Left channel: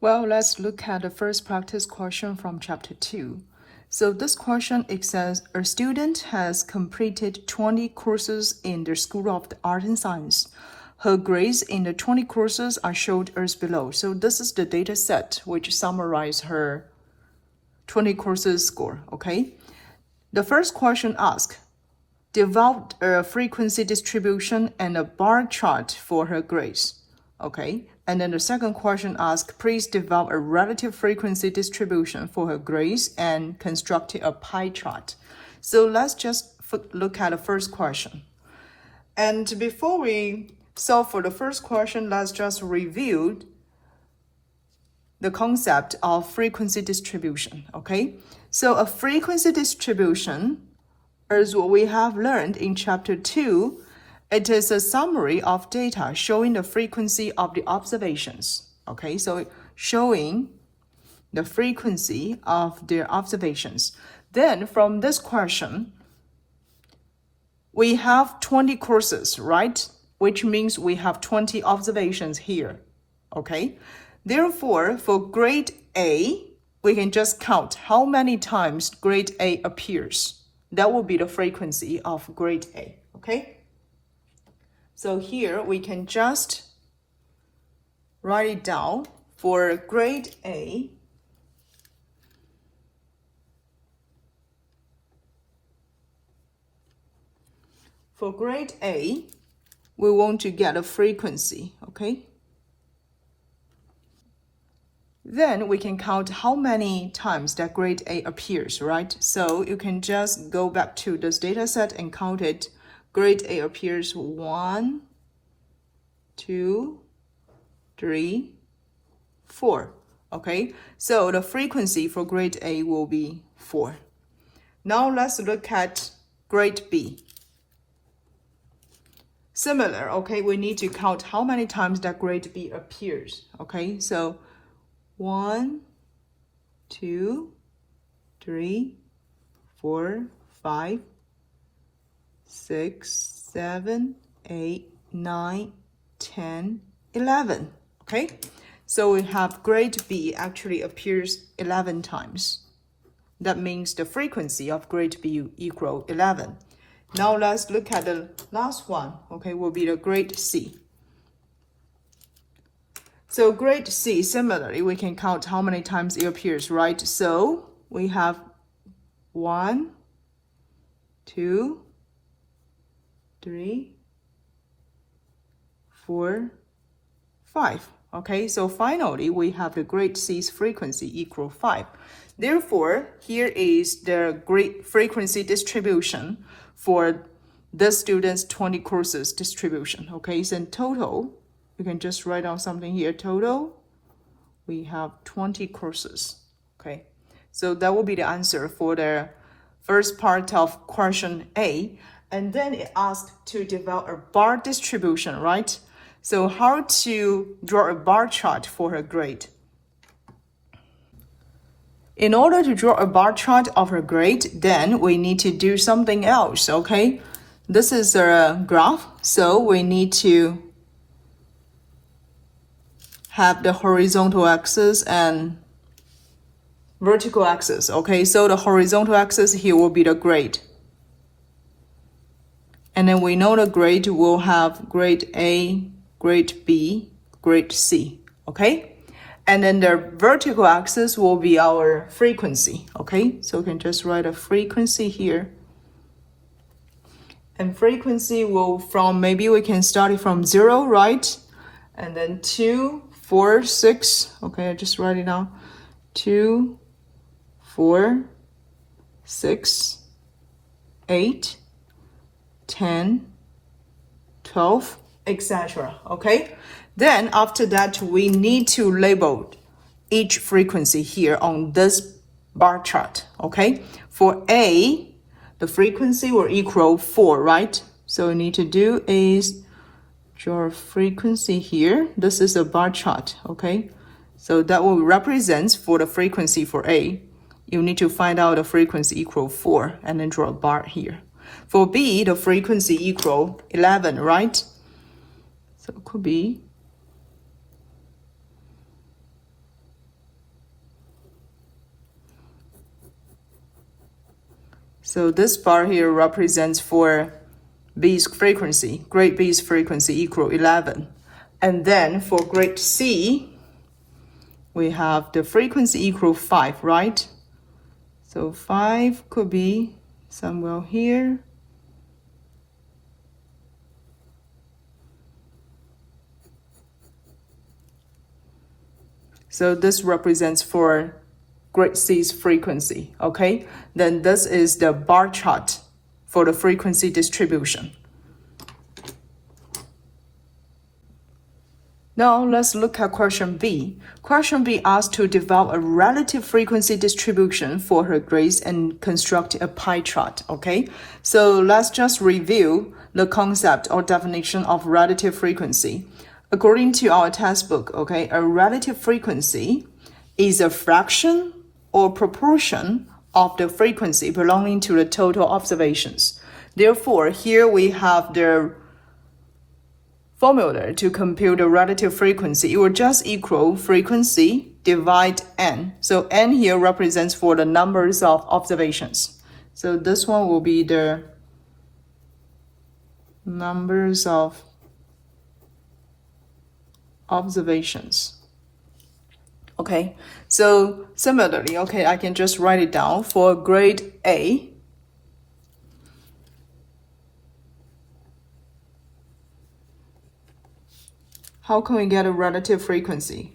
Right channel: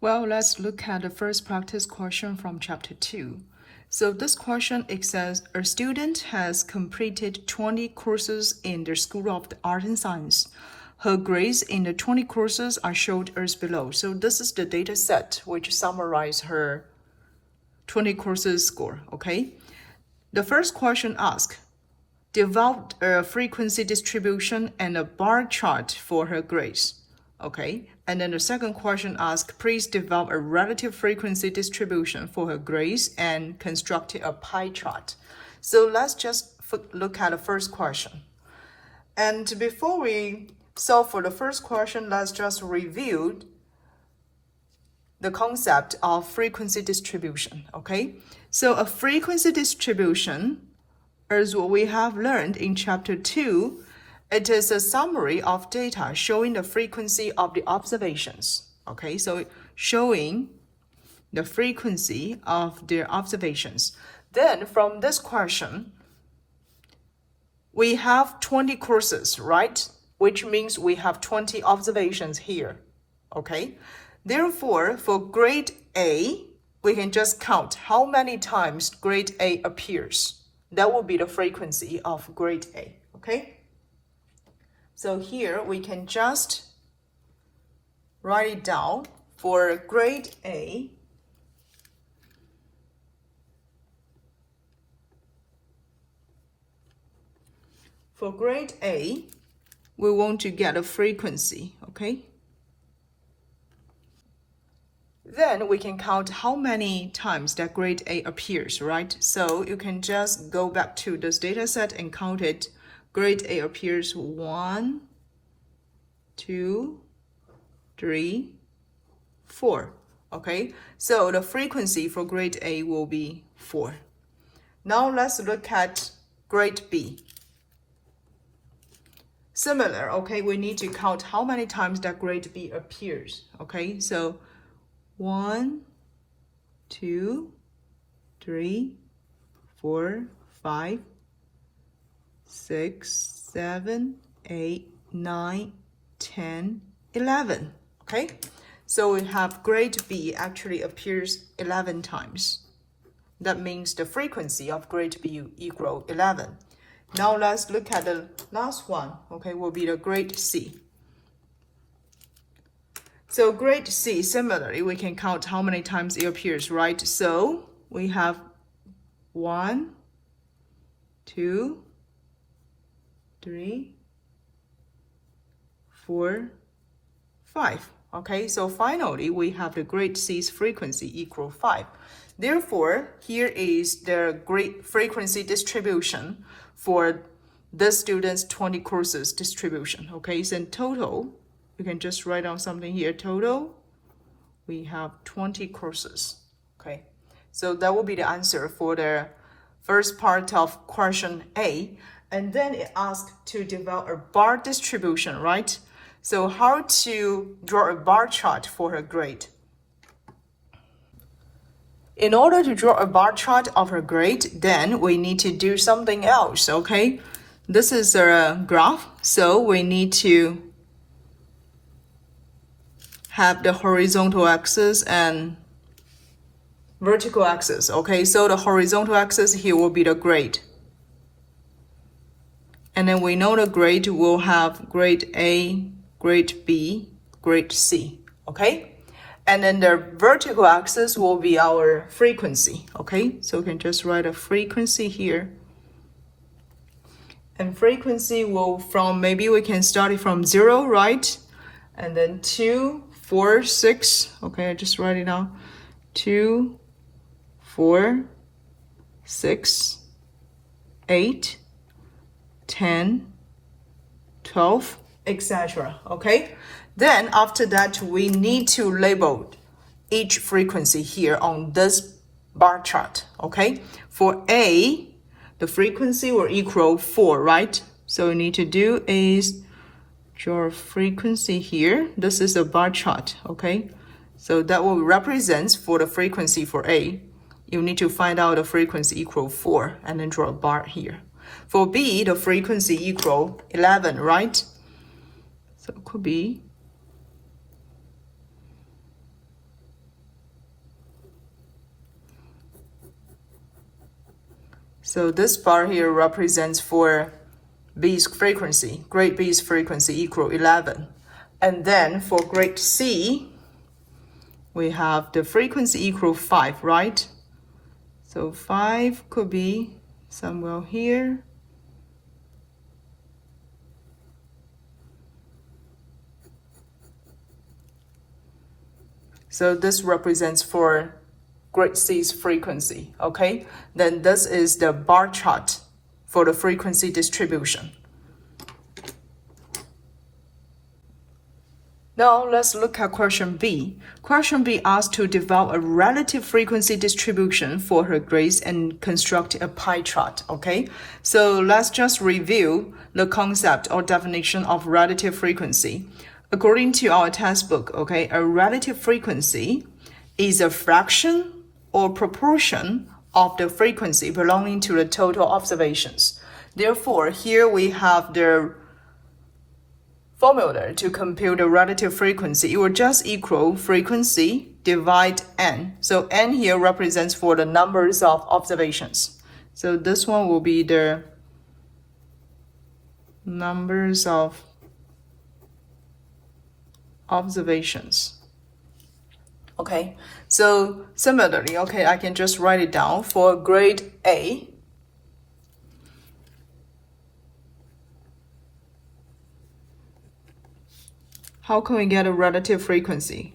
Well, let's look at the first practice question from chapter 2. So this question, it says, a student has completed 20 courses in the School of the Art and Science. Her grades in the 20 courses are shown as below. So this is the data set which summarizes her 20 courses score, okay? The first question asks, develop a frequency distribution and a bar chart for her grades, okay? And then the second question asks, please develop a relative frequency distribution for her grades and construct a pie chart. So let's just look at the first question. And before we solve for the first question, let's just review the concept of frequency distribution, okay? So a frequency distribution, as what we have learned in chapter 2, it is a summary of data showing the frequency of the observations, okay? So showing the frequency of their observations. Then from this question, we have 20 courses, right? Which means we have 20 observations here, okay? Therefore, for grade A, we can just count how many times grade A appears. That will be the frequency of grade A, okay? So here we can just write it down for grade A. For grade A, we want to get a frequency, okay? Then we can count how many times that grade A appears, right? So you can just go back to this data set and count it. Grade A appears 1, 2, 3, 4, okay? So the frequency for grade A will be 4. Now let's look at grade B. Similar, okay, we need to count how many times that grade B appears, okay? So 1, 2, 3, 4, 5, 6, 7, 8, 9, 10, 11, okay? So we have grade B actually appears 11 times. That means the frequency of grade B equal 11. Now let's look at the last one, okay, will be the grade C. So grade C, similarly, we can count how many times it appears, right? So we have 1, 2, 3, 4, 5. Okay, so finally we have the grade C's frequency equal 5. Therefore, here is the grade frequency distribution for the students' 20 courses distribution. Okay, so in total, you can just write down something here. Total, we have 20 courses. Okay, so that will be the answer for the first part of question A. And then it asks to develop a bar distribution, right? So how to draw a bar chart for her grade? In order to draw a bar chart of her grade, then we need to do something else, okay? This is a graph, so we need to have the horizontal axis and vertical axis, okay? So the horizontal axis here will be the grade. And then we know the grade will have grade A, grade B, grade C, okay? And then the vertical axis will be our frequency, okay? So we can just write a frequency here. And frequency will from, maybe we can start it from 0, right? And then 2, 4, 6, okay, I just write it down. 2, 4, 6, 8, 10, 12, etc. Okay? Then after that, we need to label each frequency here on this bar chart. Okay? For A, the frequency will equal 4, right? So we need to do is draw a frequency here. This is a bar chart. Okay? So that will represent for the frequency for A. You need to find out the frequency equal 4 and then draw a bar here. For B, the frequency equal 11, right? So it could be So this bar here represents for B's frequency, grade B's frequency equal 11. And then for grade C, we have the frequency equal 5, right? So 5 could be somewhere here. So this represents for grade C's frequency, okay? Then this is the bar chart for the frequency distribution. Now let's look at question B. Question B asks to develop a relative frequency distribution for her grades and construct a pie chart, okay? So let's just review the concept or definition of relative frequency. According to our textbook, okay, a relative frequency is a fraction or proportion of the frequency belonging to the total observations. Therefore, here we have the formula to compute the relative frequency. It will just equal frequency divide n. So n here represents for the numbers of observations. So this one will be the numbers of observations. Okay, so similarly, okay, I can just write it down for grade A. How can we get a relative frequency?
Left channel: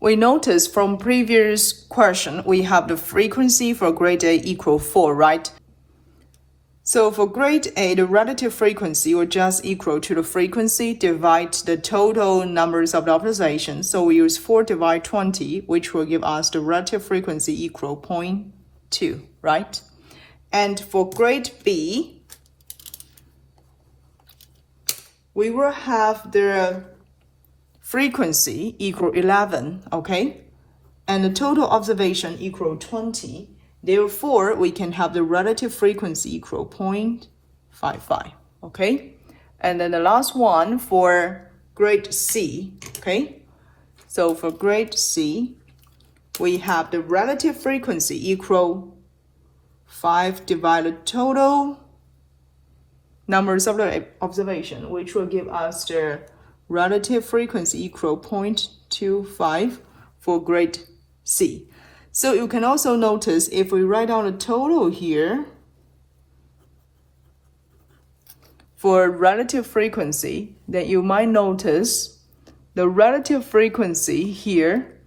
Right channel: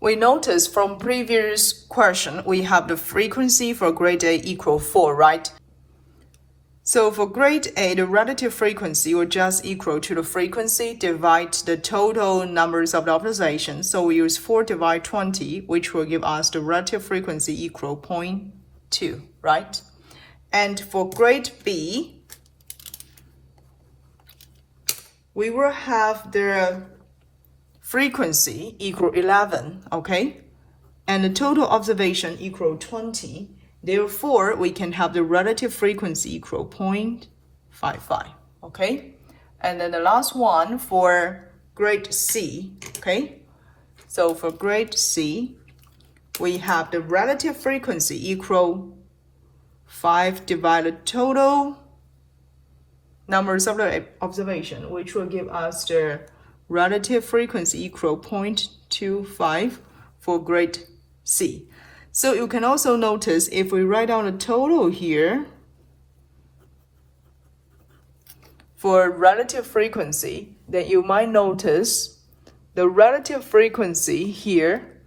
We notice from previous question, we have the frequency for grade A equal 4, right? So for grade A, the relative frequency will just equal to the frequency divide the total numbers of the observations. So we use 4 divide 20, which will give us the relative frequency equal 0.2, right? And for grade B, we will have the frequency equal 11, okay? And the total observation equal 20. Therefore, we can have the relative frequency equal 0.55, okay? And then the last one for grade C, okay? So for grade C, we have the relative frequency equal 5 divided total numbers of the observation, which will give us the relative frequency equal 0.25 for grade C. So you can also notice if we write down the total here for relative frequency, that you might notice the relative frequency here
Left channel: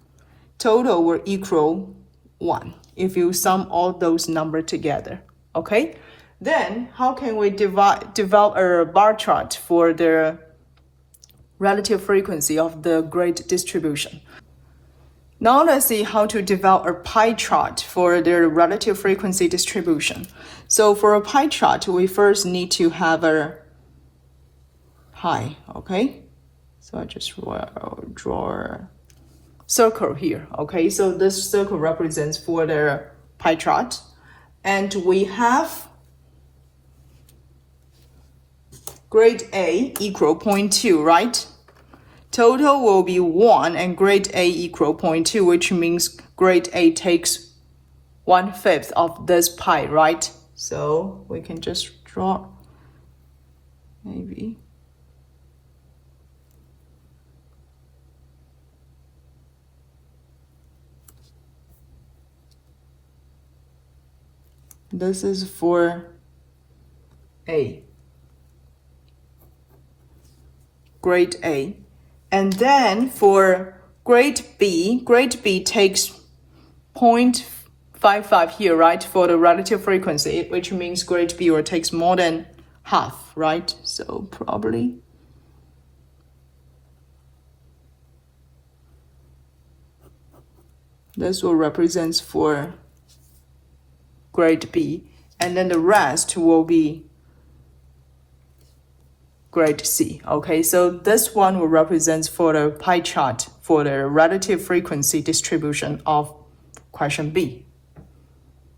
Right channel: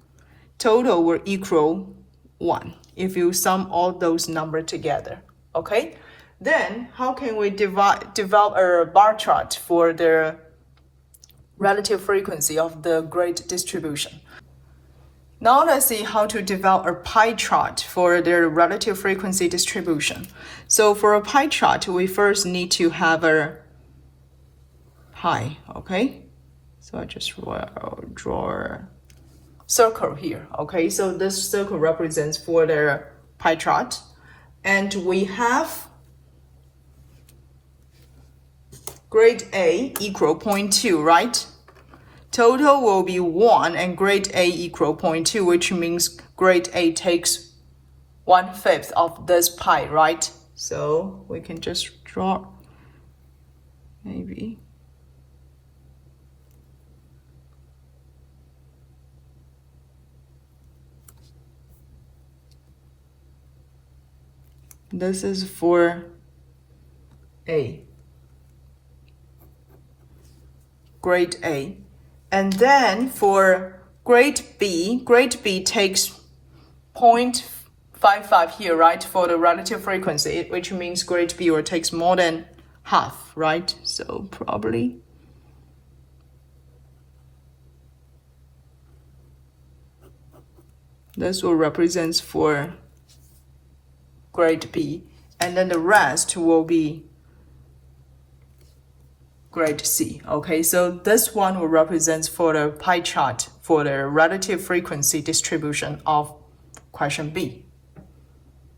total will equal 1 if you sum all those numbers together, okay? Then how can we develop a bar chart for the relative frequency of the grade distribution? Now let's see how to develop a pie chart for the relative frequency distribution. So for a pie chart, we first need to have a pie, okay? So I just draw a circle here, okay? So this circle represents for the pie chart. And we have grade A equal 0.2, right? Total will be 1 and grade A equal 0.2, which means grade A takes 1/5 of this pie, right? So we can just draw maybe. This is for A, grade A. And then for grade B takes 0.55 here, right, for the relative frequency, which means grade B will takes more than half, right? So probably this will represent for grade B, and then the rest will be grade C, okay? So this one will represent for the pie chart for the relative frequency distribution of question B.